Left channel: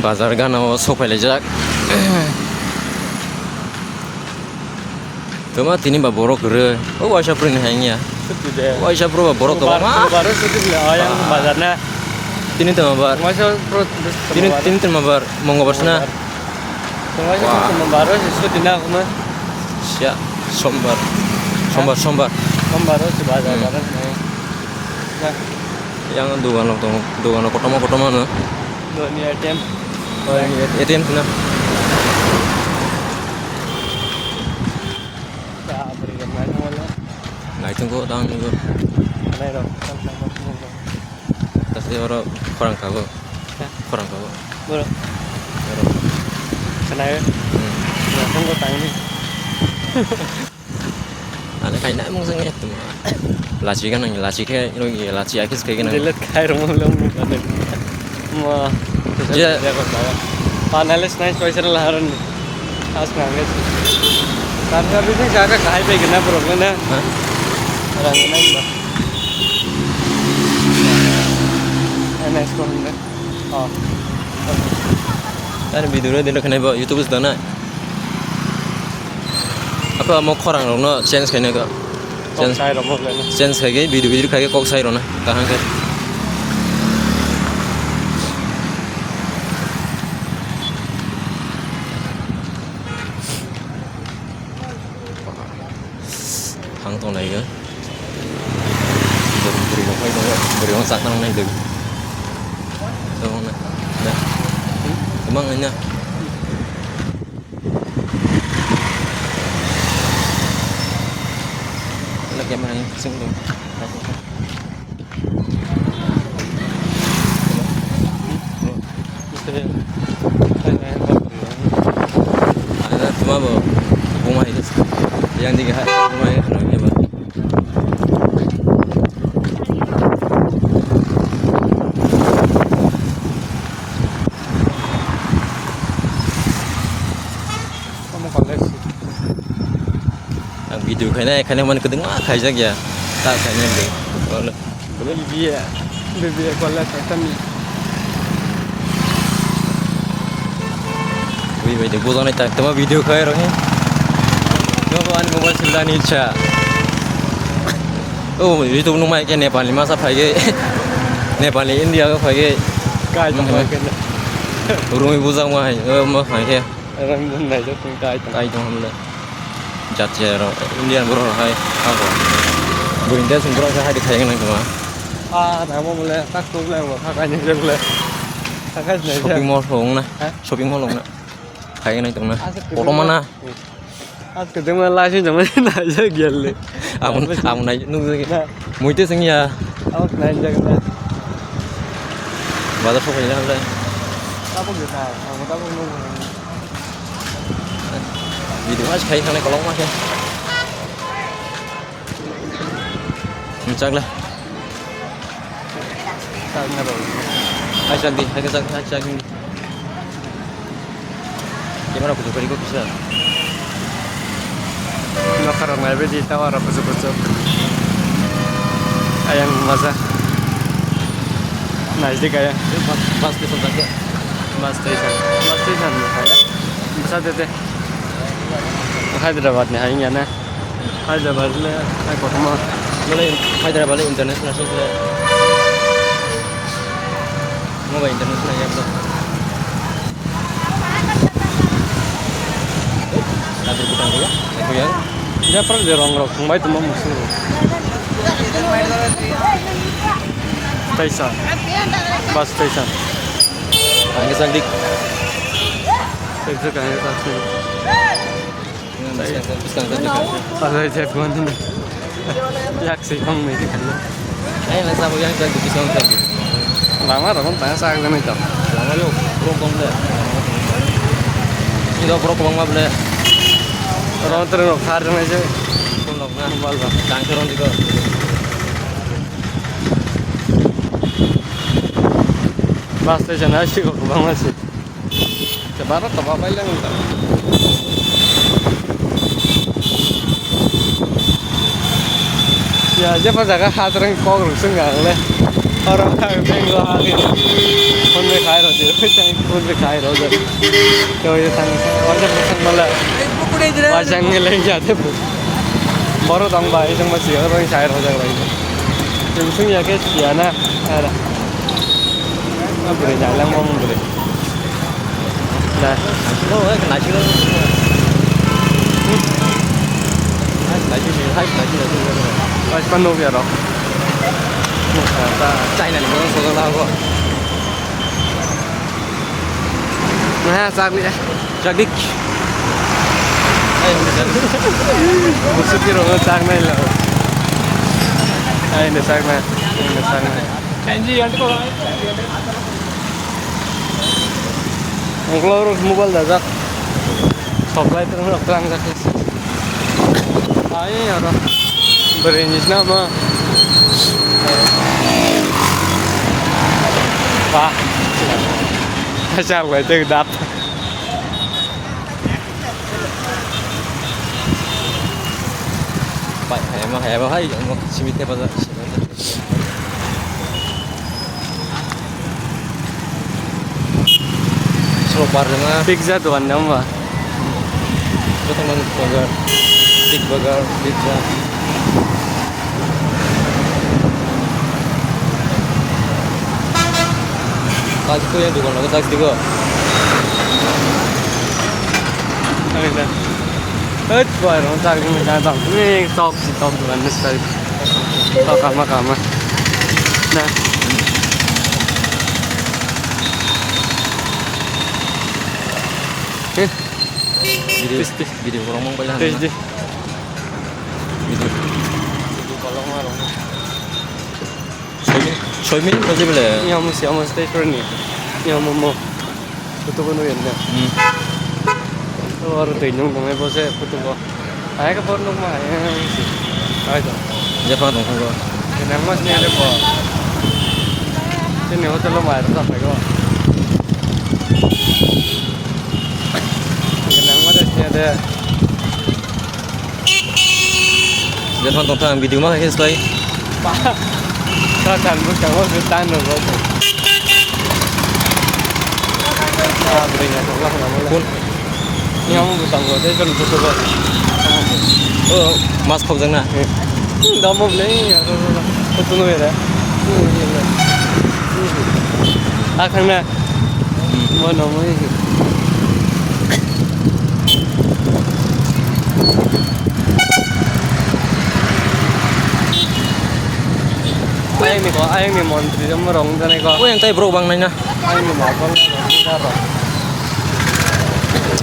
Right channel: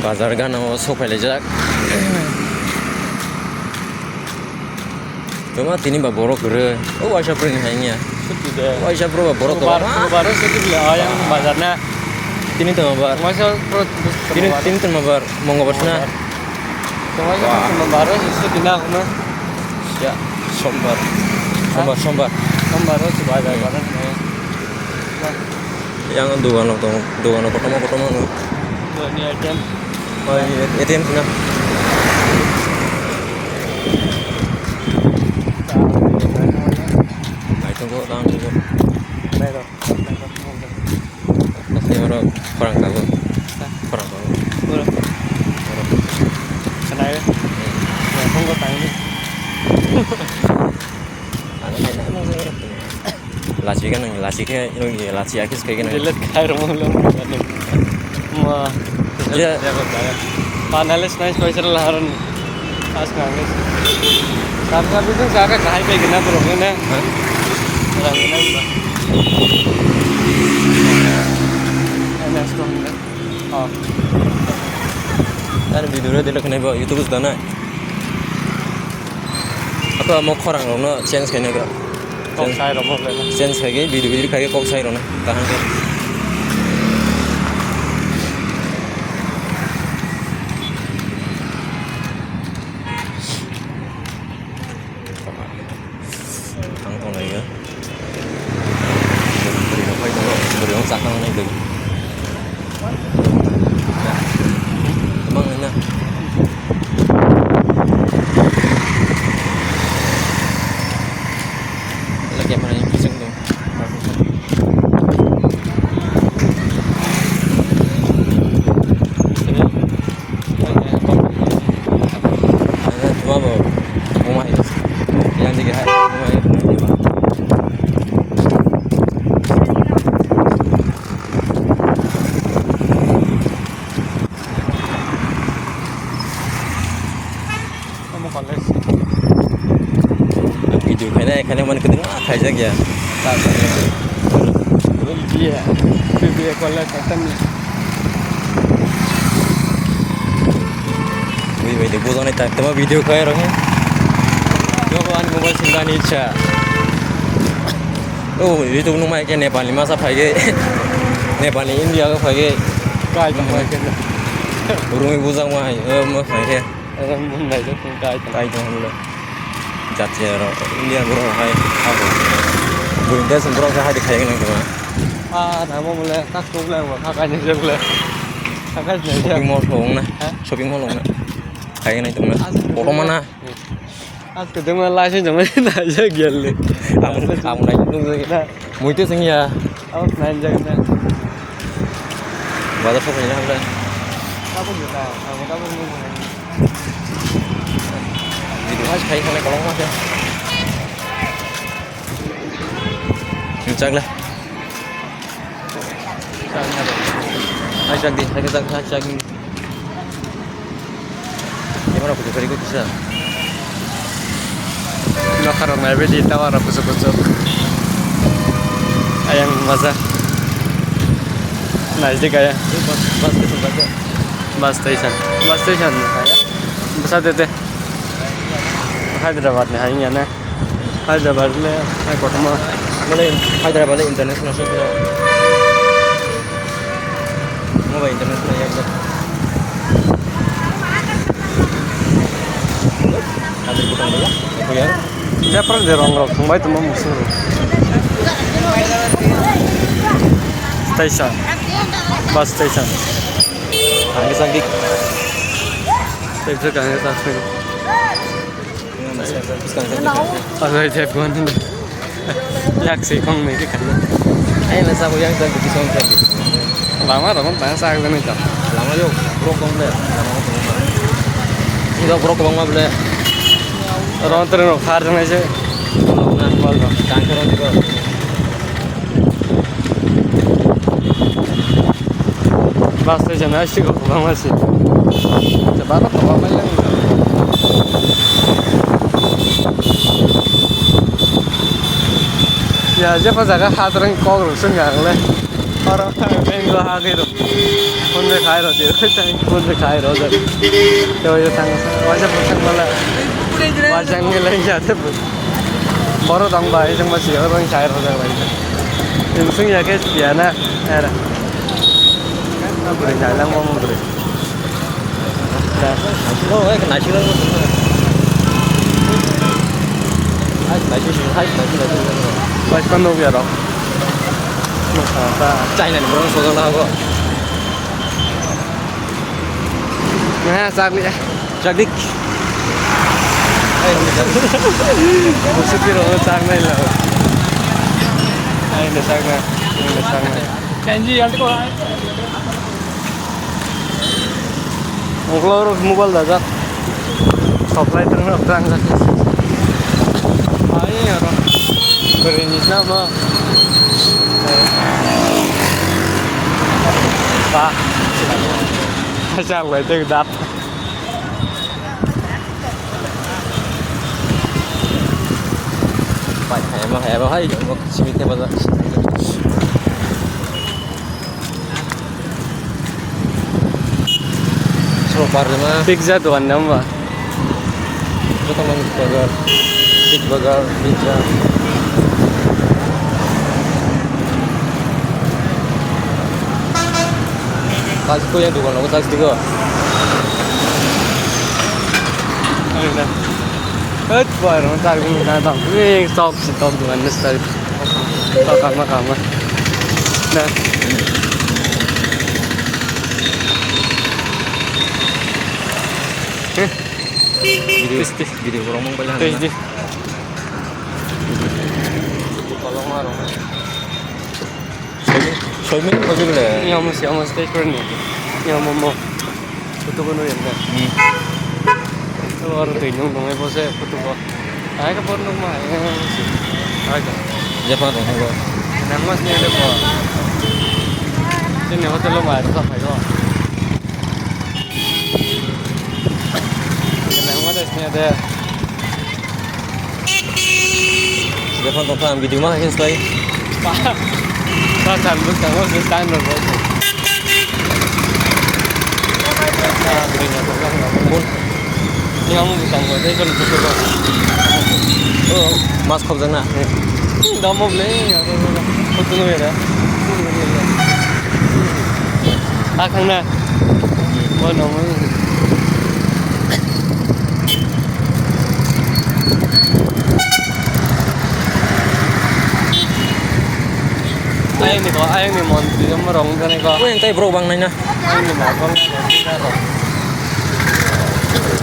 Bazar ganao sophailajak. Kema tini ba borok re. Oh waisa pring hainya. Waisa pro ba borok ba. Baru sedikit lah yang bazarnya. Tini tama bar. Masa pro Tini tama bar mongobarsna. Masa baru sedikit dina kuma. Sia sombar. Sombar. Baru si bazar bazar. Yang dogan pertama nih. Ini ATM. Oh ini ATM sana. Nah itu kok tangan juga. Tapi orang kago. Boleh. Kenapa? Ya, tunggu tanya. Ada main emang sangat. Laci kan yang laci kayak ini laci akis kayak gini. Lihat kayak rumah. Wah. Dia Panelis naik spesial laharan. As manggil. Kamu itu jaga kahai pe gina terusnya na. Orang ini mbak. Enak sekali. Oh. Kan video dulu kena bawa YouTube sudah nak. Apa mau korang loh chance kayaknya kok. Kok saya rumah lagi. Chance kayak video kayak kok saya loh kahang ke. Kantong lagi kan. Berubah kayak itu beruang sakang naik lagi. Emang ini. Lagi mana yang pusing tuh? Ada cuma bawa rumah itu. Yang dilihat rumah itu nanti bang. Kamu kolej. Yang video kayaknya mana kedengar kayak ya. Tak kayaknya. Kalau Bibi kolej katan. wih dia bukan itu cuma video kayak orangnya. Kawan mobile sindani cha. Oh itu numai ke Nepali masa pagi. Nepali India ke pagi. Kai tengah kena. Urung ibu sang mai. Mah pagi. Orang mana itu pun kai tengah. Tai dong le. Jatje ro India bro hai. Apa? Burinda sembro sa hadi kayang nang cuma. Nama mulai tak mulai wah kakaknya juga mulai. Kakaknya Shopping mall hong na. Shopping mall hong na. Kayang nang cuma. Foto mana? Aku cuma langsung cuma aja gile. Aku naik nunggu. Mau itu sing ya. Aku nanya kena. Balas apa ya udah. Kamu gitu tahu. Kamu tahu nunggu. Video aja kayak sana kalau mas ya. Cak lah. Tanya dong. Hai cantik, hai cak. Gimana aku coba ikut bisa? Lo karang nabe di tawar apa suku-suku. Ayang masa. Nasdik kayak. Pas ke tempatnya. Bus station kayak. Besar itu. Hyderabad nih hanya nih. Hyderabad le, aku cuma. Mulai Hyderabad international sih mulai. Mau international ya betul. Kadir bukan dia, itu ya. Dia pernah di rongrok, kembali teman musuh. Station, bus station. Angin sandik. Itu kan itu tapi. Ada dia bukan ini. Yak sih kong mereka kali. Ayo lah sabu yang sandik di sana sandik. Lama dong, tanya saya kan itu. Lama yuk, rokok deh. Udah rokok bang mah boleh. Orang terus khar dengan aja. Kalau nggak Balba. kanker orang juga. Bus station asik kok bang masih. Sebarang apa apa yang ya aja pas agak hat orang kau rusun nggak le. orang yang dua hari tuh pun berkaya roti pun berkaya roti तो ये tangan wajah bukan malah wajah ini lagi jatuh baru tang bayi yang masih orang kaya roti lagi yang mungkin ya kayak sekian ada apa jalan mau mundur nah oh nasi lah nasi pas penuh ya dok chạy này nó số nào kok nah sak dik maksud kira sak naik lah ini sak naik kanji yang itu kalau mobile dah tak supply terus orang kasih ayo ya orang berenis nama Đó sao vậy từ đập vậy hè mà hay một chi tiết bao giờ số bar mà pizza tuan nama itu teman burger big burger pizza kasih kau yang tukang lagu saksi kau ada hết vài nó ra cái mình đang đọc cái top chỉ top tuan nó sẽ top kama nah video kalau ngomong banyak tes di kalau ngomong soy min aja bile yang mesti tes pun ni yang mau foto ko nurin kan itu baru tengok kami pose foto ko ayah ke porno mah yang mesti agak Jepang tuh kau ini mas ni ada apa ini hotel lo mah tak apa kau ada Jepang tuh kan video mah kan stay kan bukan mau stand lo berinya tuh lah pun ini kamu bukan gua itu kan foto lo mas kau jangan dah mau beli ya foto lo ya akan na mau nomor ayang ni monti yang merong dan iko kau yang tay bro bang nanya ayang ni nakon kita rong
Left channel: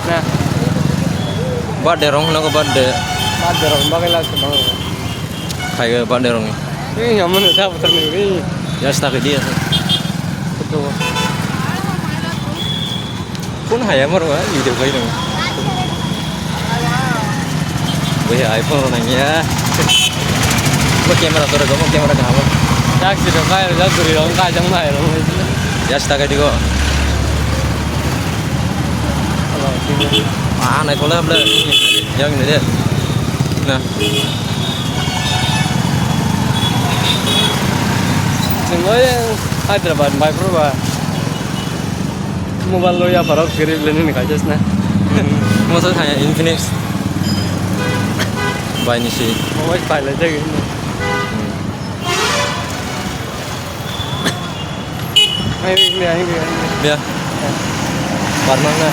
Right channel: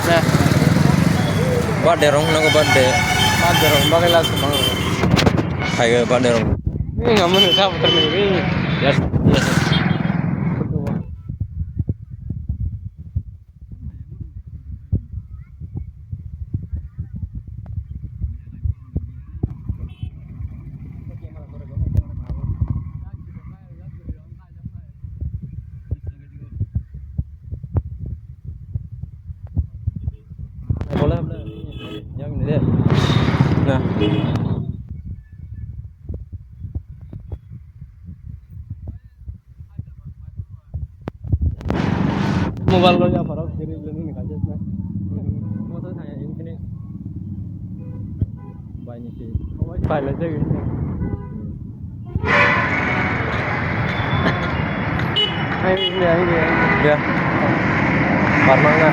nah birthday rong naga birthday ada rong bagai lah semang kayak birthday rong ini nggak mau nak betul ni ya stak dia betul pun hayam orang video kayak dong gue iPhone orangnya lo kamera tuh kamu kamera kamu tak sih dong kaya dah turi rong kajang lah rong ya stak dia kok kalau sini naik bola belah yang ini dia nah semua yang Hyderabad by Proba mobile lo ya parok kiri beli ni kajas nah maksud hanya Infinix by ini sih mau file aja gitu ini dia Parmangna